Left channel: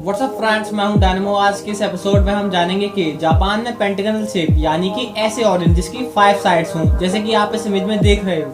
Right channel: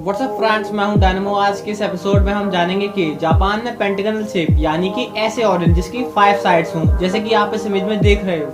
WhatsApp friends, मैं हूं dynamo. आज के इस एपिसोड में हम जानेंगे कि जापान में पेंटागनल शेप यानी कि ऐसे ऑरेंज जिसकी 5 साइड्स हों, जैसे कि आप इस इमेज में देख रहे हो।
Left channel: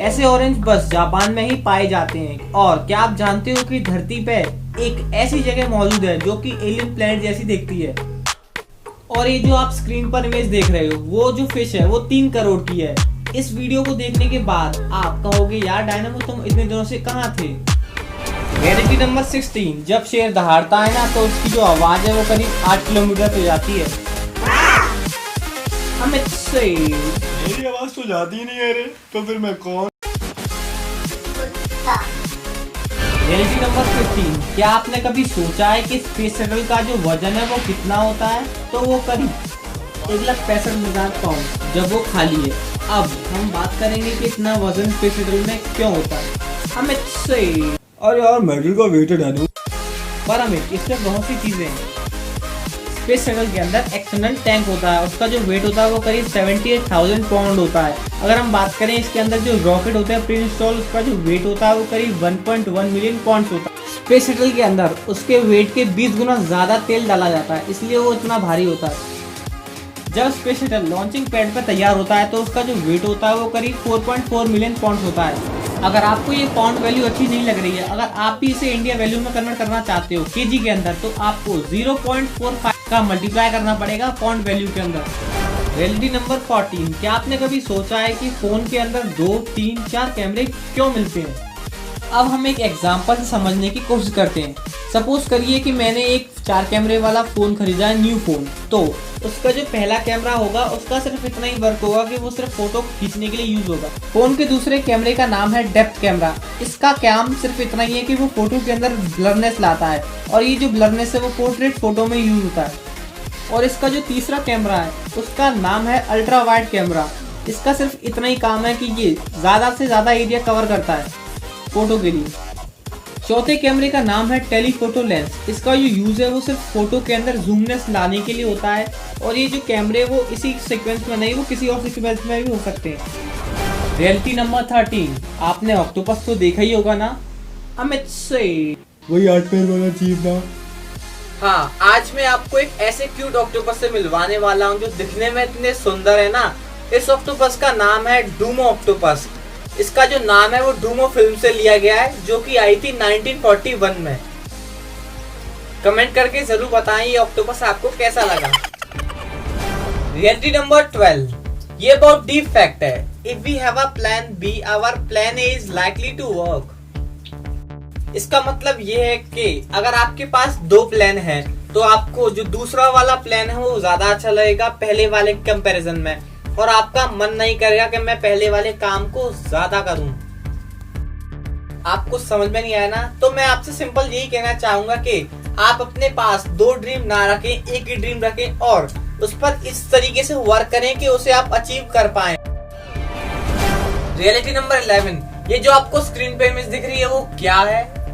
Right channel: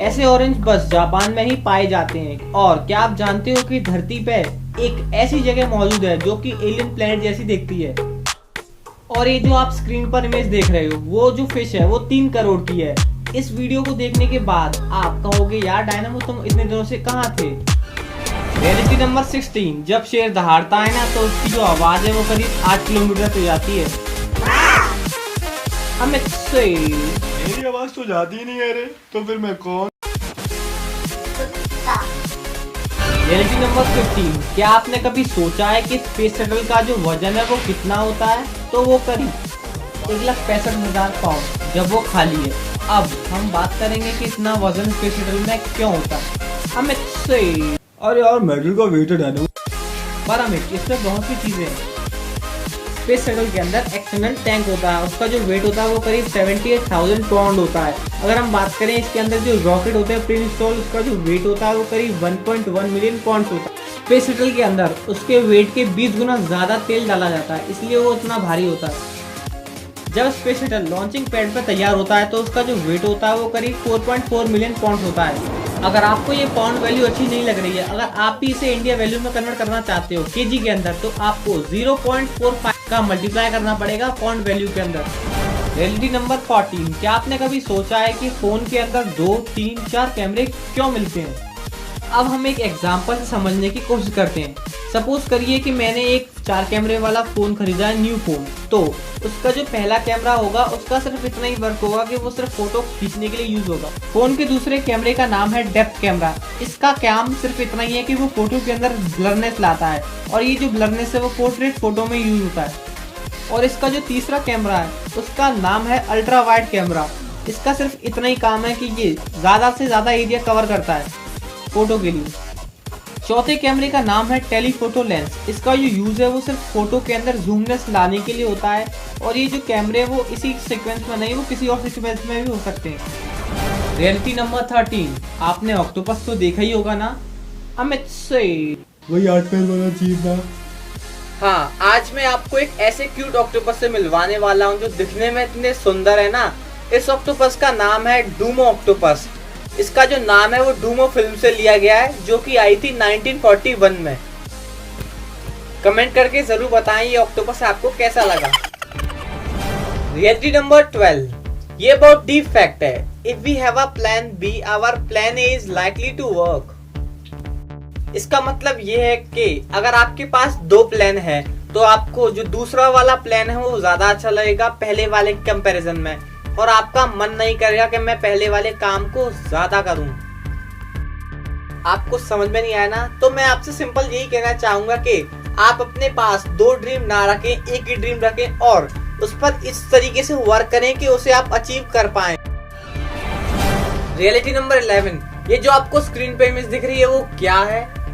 ऐसे ऑरेंज बस जापान में ही पाए जाते हैं। और क्या आप जानते हो कि धरती पे एक ऐसी जगह मौजूद है जो कि एलियन प्लेनेट जैसी दिखती है। और ये जो आप स्क्रीन पर इमेज देख रहे हो, वो जो फिश है वो 3 करोड़ की है। इस वीडियो को देखने के बाद आप कहोगे, यार डायनेमो तुम इतने दिनों से कहाँ थे। रियलिटी नंबर 16, जब शेर दहाड़ता है ना तो उसकी जो आवाज है वो करीब 8 किलोमीटर तक जाती है। अमित से मेरी आवाज तो जाती ही नहीं है रे, तो फिर मैं कौन। रियलिटी नंबर 15, क्या आपने कभी सोचा है कि स्पेस शटल का जो वजन है वो कितना होता है? तो वो करीब 1,65,000 पाउंड जब वो खाली है। अब हम बात करेंगे कि इतना वजन स्पेस शटल में क्यों होता है। अमित से अरे यार मेटल का वेट है डायनेमो। पर अमित, इसमें बहुत सी चीजें हैं। स्पेस शटल के अंदर एक्सटर्नल टैंक होता है, उसका जो वेट होता है वो करीब 78,000 पाउंड होता है। अगर हम बात करें इसके अंदर जो रॉकेट होते हैं प्री इंस्टॉल, उसका जो वेट होता है वो करीब 1.1 मिलियन पाउंड होता है। स्पेस शटल के अंदर उसके वेट के 20 गुना ज्यादा तेल डाला जाता है, इसलिए वो इतना भारी होता है। जब स्पेस शटल लॉन्चिंग पैड पर तैयार होता है तो उसका जो वेट होता है वो करीब 4.4 मिलियन पाउंड होता है। अगर आपको ये पाउंड वैल्यू अच्छी नहीं लग रही है, अगर आप भी इसे इंडिया वैल्यू में कन्वर्ट करना चाहते हो केजी के अंदर, तो आपको 0.45 का मल्टीप्लाई करना पड़ेगा पाउंड वैल्यू के अंदर। रियलिटी नंबर 14, क्या आपने कभी सोचा है कि फोन के अंदर 2, 3, 4 कैमरे क्यों मिलते हैं? अब हम एक एग्जांपल से समझने की कोशिश करते हैं। सपोज करिए कि मैंने एक 4 कैमरे वाला फोन खरीदा है, न्यू फोन। तो उसका जो पहला कैमरा होगा उसका सिर्फ इतना ही वर्क होगा कि वो सिर्फ फोटो खींचने के लिए यूज होगा। फोन के दूसरे कैमरे का नाम है डेप्थ कैमरा। इसका काम सिर्फ इतना ही है कि वो फोटो के अंदर ब्लरनेस लाता है, और ये जो ब्लरनेस है वो पोर्ट्रेट फोटो में यूज होता है। और इसका जो तीसरा कैमरा है उसका नाम है अल्ट्रा वाइड कैमरा। इसका सिर्फ इतना ही काम है कि ये ज्यादा से ज्यादा एरिया कवर करता है फोटो के लिए। चौथे कैमरे का नाम है टेलीफोटो लेंस। इसका जो यूज है वो सिर्फ फोटो के अंदर जूमनेस लाने के लिए होता है। और ये जो कैमरे वो इसी सीक्वेंस में नहीं, वो किसी और सीक्वेंस में भी हो सकते हैं। रियलिटी नंबर 13, आपने ऑक्टोपस तो देखा ही होगा ना? अमित से वही 8 पैर वाला जीव ना। हाँ, आज मैं आपको एक ऐसे क्यूट ऑक्टोपस से मिलवाने वाला हूँ जो दिखने में इतने सुंदर है ना। इस ऑक्टोपस का नाम है डूमो ऑक्टोपस। इसका जो नाम है वो डूमो फिल्म से लिया गया है, जो कि आई थी 1941 में। कमेंट करके जरूर बताएं ये ऑक्टोपस आपको कैसा लगा। रियलिटी नंबर 12, ये बहुत डीप फैक्ट है। If we have a plan B, our plan A is likely to work. इसका मतलब ये है कि अगर आपके पास 2 प्लान है तो आपको जो दूसरा वाला प्लान है वो ज्यादा अच्छा लगेगा पहले वाले कंपैरिजन में, और आपका मन नहीं करेगा कि मैं पहले वाले काम को ज्यादा करूं। आपको समझ में नहीं आया ना? तो मैं आपसे सिंपल यही कहना चाहूंगा कि आप अपने पास 2 ड्रीम ना रखें, एक ही ड्रीम रखें और उस पर इस तरीके से वर्क करें कि उसे आप अचीव कर पाएं। रियलिटी नंबर 11, ये जो आपको स्क्रीन पे इमेज दिख रही है वो क्या है?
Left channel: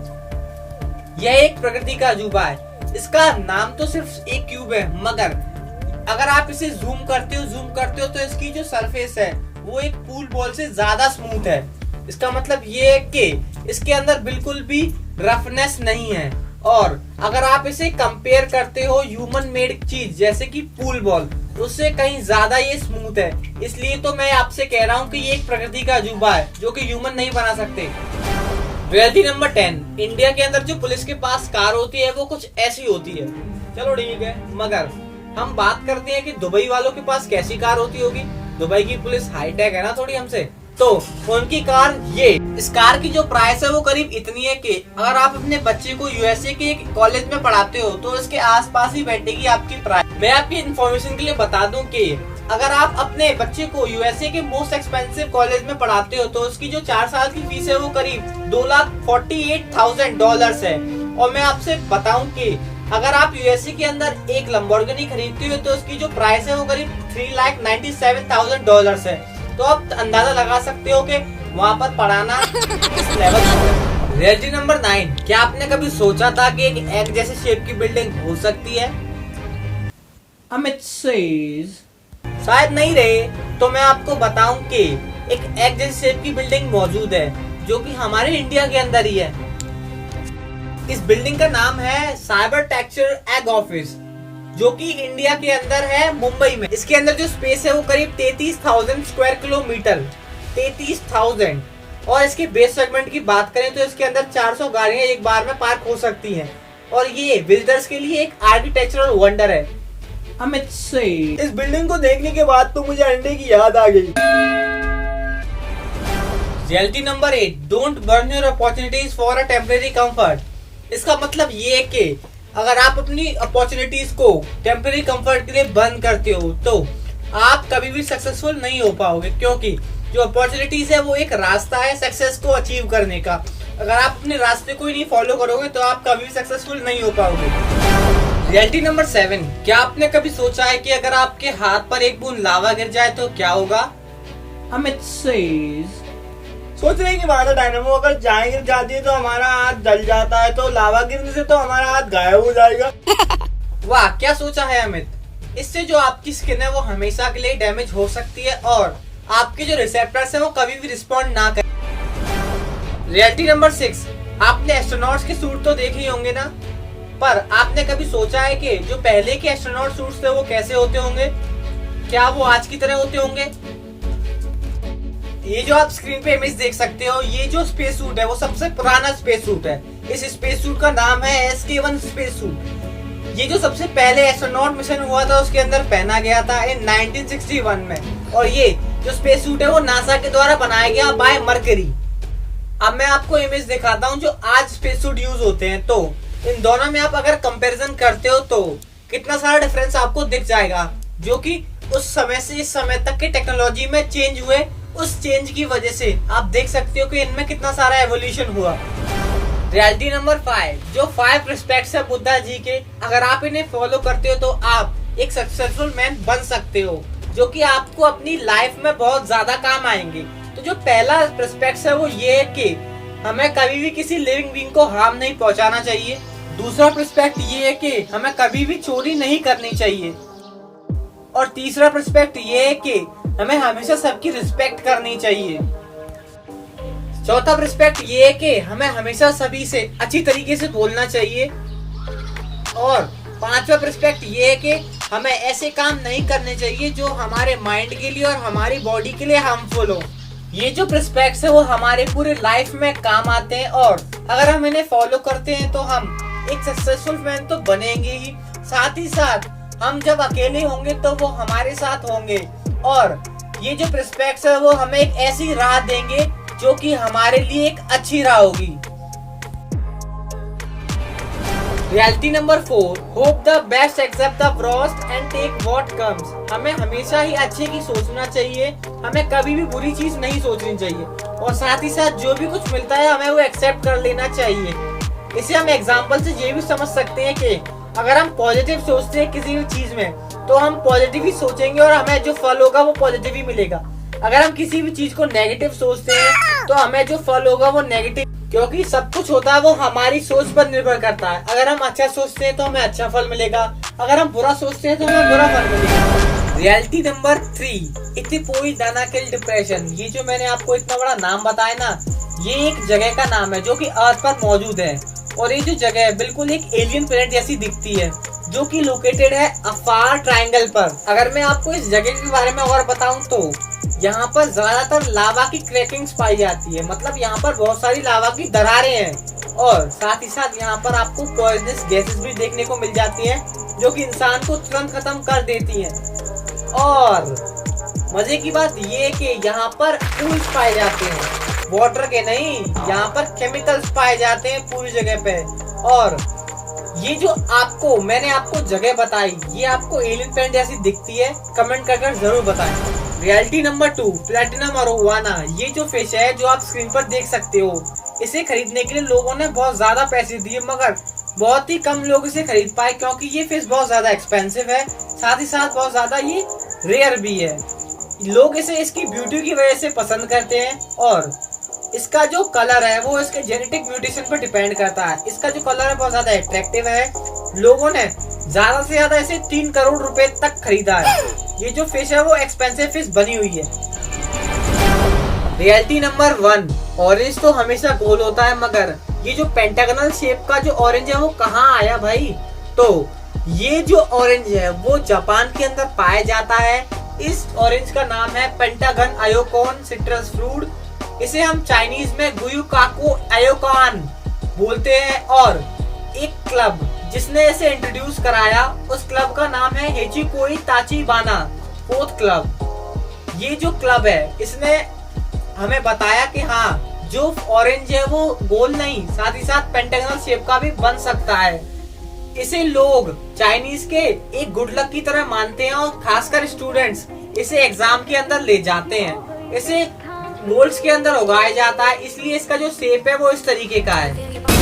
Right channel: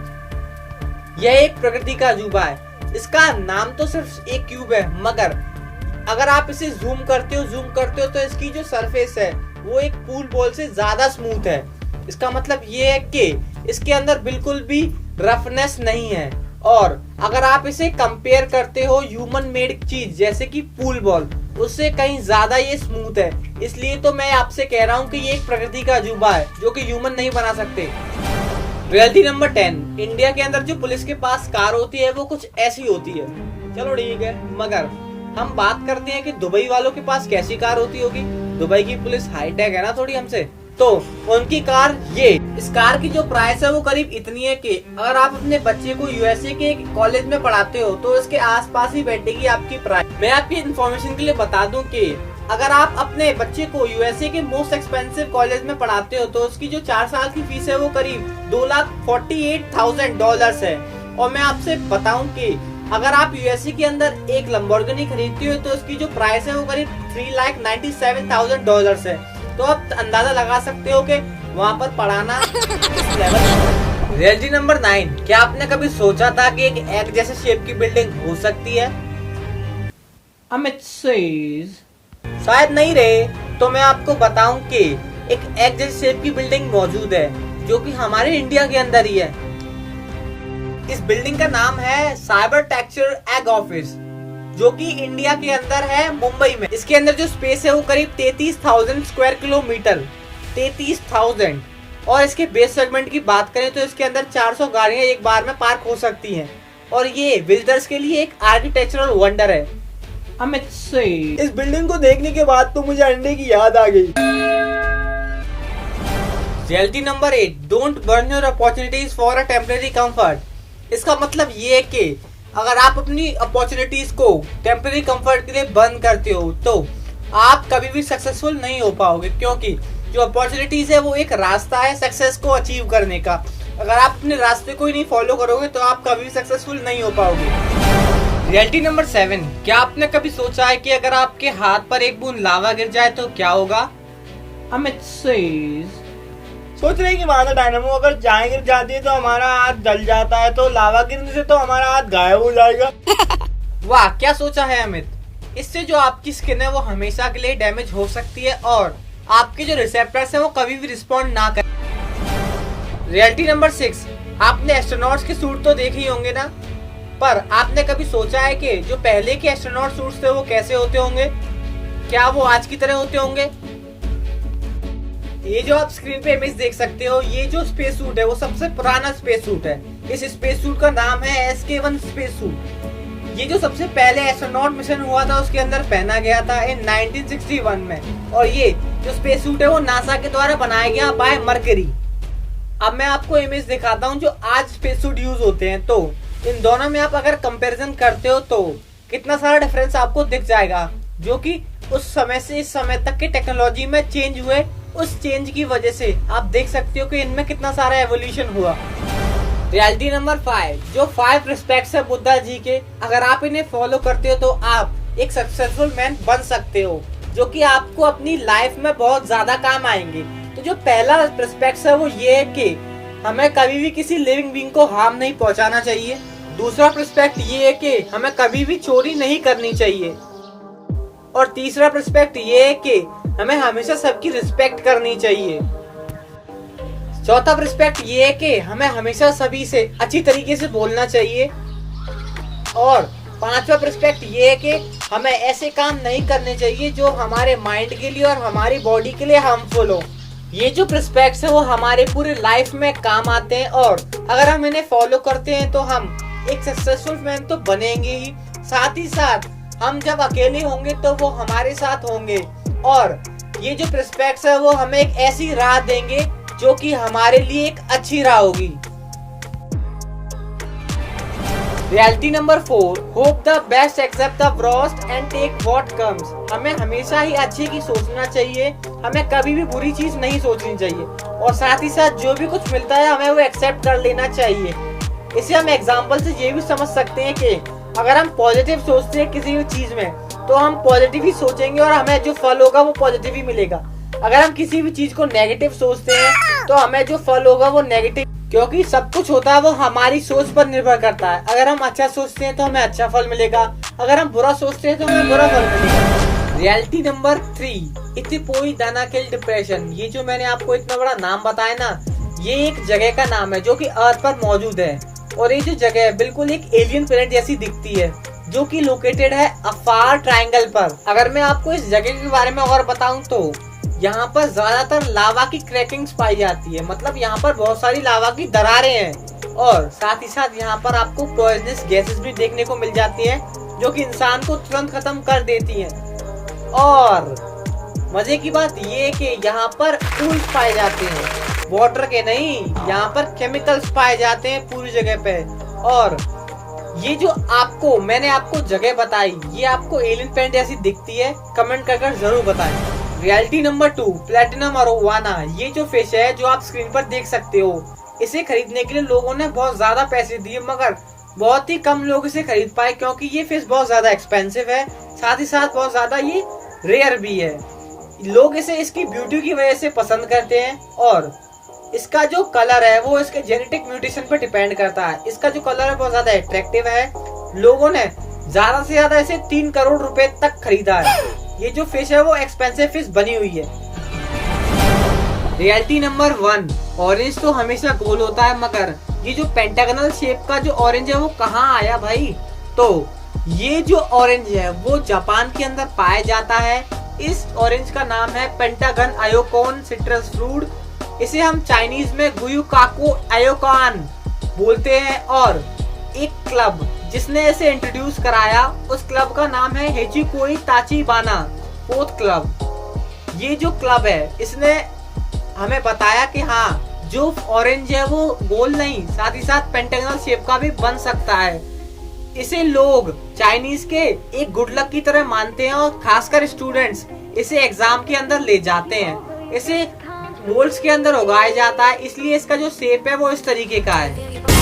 यह एक प्रकृति का अजूबा है। इसका नाम तो सिर्फ एक क्यूब है, मगर अगर आप इसे जूम करते हो तो इसकी जो सरफेस है वो एक पूल बॉल से ज्यादा स्मूथ है। इसका मतलब ये है कि इसके अंदर बिल्कुल भी रफनेस नहीं है। और अगर आप इसे कंपेयर करते हो ह्यूमन मेड चीज जैसे कि पूल बॉल, उससे कहीं ज्यादा ये स्मूथ है। इसलिए तो मैं आपसे कह रहा हूँ कि ये एक प्रकृति का अजूबा है जो कि ह्यूमन नहीं बना सकते। रियलिटी नंबर 10, इंडिया के अंदर जो पुलिस के पास कार होती है वो कुछ ऐसी होती है। चलो ठीक है, मगर हम बात करते हैं कि दुबई वालों के पास कैसी कार होती होगी। दुबई की पुलिस हाईटेक है ना थोड़ी हमसे, तो उनकी कार ये। इस कार की जो प्राइस है वो करीब इतनी है कि अगर आप अपने बच्चे को यूएसए के एक कॉलेज में पढ़ाते हो तो इसके आसपास ही बैठेगी आपकी प्राइस। मैं आपकी इन्फॉर्मेशन के लिए बता दूं कि अगर आप अपने बच्चे को यूएसए के मोस्ट एक्सपेंसिव कॉलेज में पढ़ाते हो तो उसकी जो 4 साल की फीस है वो करीब $2,48,000 है। और मैं आपसे बताऊं कि अगर आप यूएसए के अंदर एक लंबोर्गिनी खरीदते हो तो उसकी जो प्राइस है वो करीब $3,97,000 है। तो आप अंदाजा लगा सकते हो कि वहाँ पर पढ़ाना किस लेवल पर। रियलिटी नंबर 9, क्या आपने कभी सोचा था कि एक एग जैसे शेप की बिल्डिंग हो सकती है? अमित सेज शायद नहीं रहे, तो मैं आपको बताऊं कि एक एग जैसी शेप की बिल्डिंग मौजूद है जो कि हमारे इंडिया के अंदर ही है। इस बिल्डिंग का नाम है साइबर टेक्सचर एग ऑफिस, जो कि इंडिया के अंदर है, मुंबई में। इसके अंदर जो स्पेस है वो करीब 33,000 स्क्वायर किलोमीटर, 33,000। और इसके बेस सेगमेंट की बात करें तो इसके अंदर 400 गाड़ियां एक बार में पार्क हो सकती हैं। और ये विजिटर्स के लिए एक आर्किटेक्चरल वंडर है। अमित से इस बिल्डिंग को देखने के बाद तो मुझे अंडे की याद आ गई। Reality number 8, don't burn your opportunities for a temporary comfort. इसका मतलब ये है कि अगर आप अपनी अपॉर्चुनिटीज को टेम्परेरी कंफर्ट के लिए बंद करते हो तो आप कभी भी सक्सेसफुल नहीं हो पाओगे, क्योंकि जो अपॉर्चुनिटीज है वो एक रास्ता है सक्सेस को अचीव करने का। अगर आप अपने रास्ते को ही नहीं फॉलो करोगे तो आप कभी भी सक्सेसफुल नहीं हो पाओगे। रियलिटी नंबर 7, क्या आपने कभी सोचा है कि अगर आपके हाथ पर एक बूंद लावा गिर जाए तो क्या होगा? अमित सोचने की बात है डायनामो, अगर चाय गिर जाती है तो हमारा हाथ जल जाता है, तो लावा गिरने से तो हमारा हाथ गायब हो जाएगा। वाह, क्या सोचा है अमित। इससे जो आपकी स्किन है वो हमेशा के लिए डैमेज हो सकती है और आपके जो रिसेप्टर्स हैं वो कभी भी रिस्पॉन्ड ना करें। रियलिटी नंबर 6, आपने एस्ट्रोनॉट्स के सूट तो देखे ही होंगे ना, पर आपने कभी सोचा है कि जो पहले के एस्ट्रोनॉट सूट्स थे वो कैसे होते होंगे? क्या वो आज की तरह होते होंगे? ये जो आप स्क्रीन पे इमेज देख सकते हो, ये जो स्पेस सूट है वो सबसे पुराना स्पेस सूट है। इस स्पेस सूट का नाम है SK-1 स्पेस सूट। ये जो सबसे पहले एस्ट्रोनॉट मिशन हुआ था उसके अंदर पहना गया था इन 1961 में। और ये जो स्पेस सूट है वो नासा के द्वारा बनाया गया बाय मर्करी। अब मैं आपको इमेज दिखाता हूँ जो आज स्पेस सूट यूज होते हैं, तो इन दोनों में आप अगर कंपैरिजन करते हो तो कितना सारा डिफरेंस आपको दिख जाएगा, जो कि उस समय से इस समय तक की टेक्नोलॉजी में चेंज हुए। उस चेंज की वजह से आप देख सकते हो कि इनमें कितना सारा एवोल्यूशन हुआ। रियलिटी नंबर 5, जो 5 रिस्पेक्ट्स है बुद्धा जी के, अगर आप इन्हें फॉलो करते हो तो आप एक सक्सेसफुल मैन बन सकते हो, जो कि आपको अपनी लाइफ में बहुत ज्यादा काम आएंगे। तो जो पहला रिस्पेक्ट है वो ये है कि हमें कभी भी किसी लिविंग बीइंग को हार्म नहीं पहुंचाना चाहिए। दूसरा रिस्पेक्ट ये है कि हमें कभी भी चोरी नहीं करनी चाहिए। और तीसरा रिस्पेक्ट ये है कि हमें हमेशा सबकी रिस्पेक्ट करनी चाहिए। चौथा रिस्पेक्ट ये है कि हमें हमेशा सभी से अच्छी तरीके से बोलना चाहिए। और पांचवा रिस्पेक्ट ये है कि हमें ऐसे काम नहीं करने चाहिए जो हमारे माइंड के लिए और हमारी बॉडी के लिए हार्मफुल हो। ये जो रिस्पेक्ट्स है वो हमारे पूरे लाइफ में काम आते हैं और अगर हम इन्हें फॉलो करते हैं तो हम एक सक्सेसफुल मैन तो बनेंगे ही, साथ ही साथ हम जब अकेले होंगे तो वो हमारे साथ होंगे। और ये जो रिस्पेक्ट्स है वो हमें एक ऐसी राह देंगे जो कि हमारे लिए एक अच्छी राह होगी। Reality number 4, hope the best accept the worst and take what comes. हमें हमेशा ही अच्छे की सोचना चाहिए, हमें कभी भी बुरी चीज नहीं सोचनी चाहिए और साथ ही साथ जो भी कुछ मिलता है हमें वो एक्सेप्ट कर लेना चाहिए। इसे हम एग्जांपल से ये भी समझ सकते हैं कि अगर हम पॉजिटिव सोचते हैं किसी भी चीज में तो हम पॉजिटिव ही सोचेंगे और हमें जो फल होगा वो पॉजिटिव ही मिलेगा। अगर हम किसी भी चीज को नेगेटिव सोचते हैं तो हमें जो फल होगा वो नेगेटिव, क्योंकि सब कुछ होता है वो हमारी सोच पर निर्भर करता है। अगर हम अच्छा सोचते हैं तो हमें अच्छा फल मिलेगा, अगर हम बुरा सोचते हैं तो हमें बुरा फल मिलेगा। Reality number 3, Ethiopia Danakil depression. ये जो मैंने आपको इतना बड़ा नाम बताया ना, ये एक जगह का नाम है जो कि अर्थ पर मौजूद है। और ये जो जगह है बिल्कुल एक एलियन प्लेनेट जैसी दिखती है, जो कि लोकेटेड है अफार ट्रायंगल पर। अगर मैं आपको इस जगह के बारे में और बताऊं तो यहाँ पर ज्यादातर लावा की क्रैकिंग्स पाई जाती है, मतलब यहाँ पर बहुत सारी लावा की दरारें हैं। और साथ ही साथ यहाँ पर आपको पॉइजनस गैसेस भी देखने को मिल जाती है जो कि इंसान को तुरंत खत्म कर देती है। और मजे की बात ये है कि यहाँ पर टूल्स पाए जाते हैं, वाटर के नहीं, यहाँ पर केमिकल्स पाए जाते हैं पूरी जगह पे। और ये जो मैंने आपको जगह बताई, ये आपको एलियन प्लेनेट जैसी दिखती है? कमेंट कर जरूर बताएं। Reality number 2, platinum arowana. ये जो फिश है जो आप स्क्रीन पर देख सकते हो, इसे खरीदने के लिए लोगों ने बहुत ज्यादा पैसे दिए, मगर बहुत ही कम लोग इसे खरीद पाए क्योंकि ये फिश बहुत ज्यादा एक्सपेंसिव है, साथ ही साथ बहुत ज्यादा ये रेयर भी है। लोग इसे इसकी ब्यूटी की वजह से पसंद करते हैं और इसका जो कलर है वो इसके जेनेटिक म्यूटेशन पर डिपेंड करता है। इसका जो कलर है बहुत ज्यादा अट्रैक्टिव है। लोगों ने ज्यादा से ज्यादा इसे 3 करोड़ रुपए तक खरीदा है। ये जो फिश है वो एक्सपेंसिव फिश बनी हुई है। रियलिटी नंबर 1, ऑरेंज तो हमेशा गोल होता है मगर ये जो पेंटागनल शेप का जो ऑरेंज है वो कहाँ आया भाई? तो ये जो ऑरेंज है वो जापान के अंदर पाया जाता है। इस ऑरेंज का नाम है पेंटागन आयोकोन सिट्रस फ्रूट। इसे हम चाइनीज में गुयुकाको आयोकान बोलते हैं। और एक क्लब जिसने इसे इंट्रोड्यूस कराया, उस क्लब का नाम है हेचिकोई ताचिबाना फोर्थ क्लब। ये जो क्लब है इसने हमें बताया कि हाँ, जो ऑरेंज है वो गोल नहीं, साथ ही साथ पेंटागनल शेप का भी बन सकता है। इसे लोग चाइनीज के एक गुड लक की तरह मानते हैं और खासकर स्टूडेंट्स इसे एग्जाम के अंदर ले जाते हैं। इसे मोल्ड्स के अंदर उगाया जाता है, इसलिए इसका जो शेप है वो इस तरीके का है।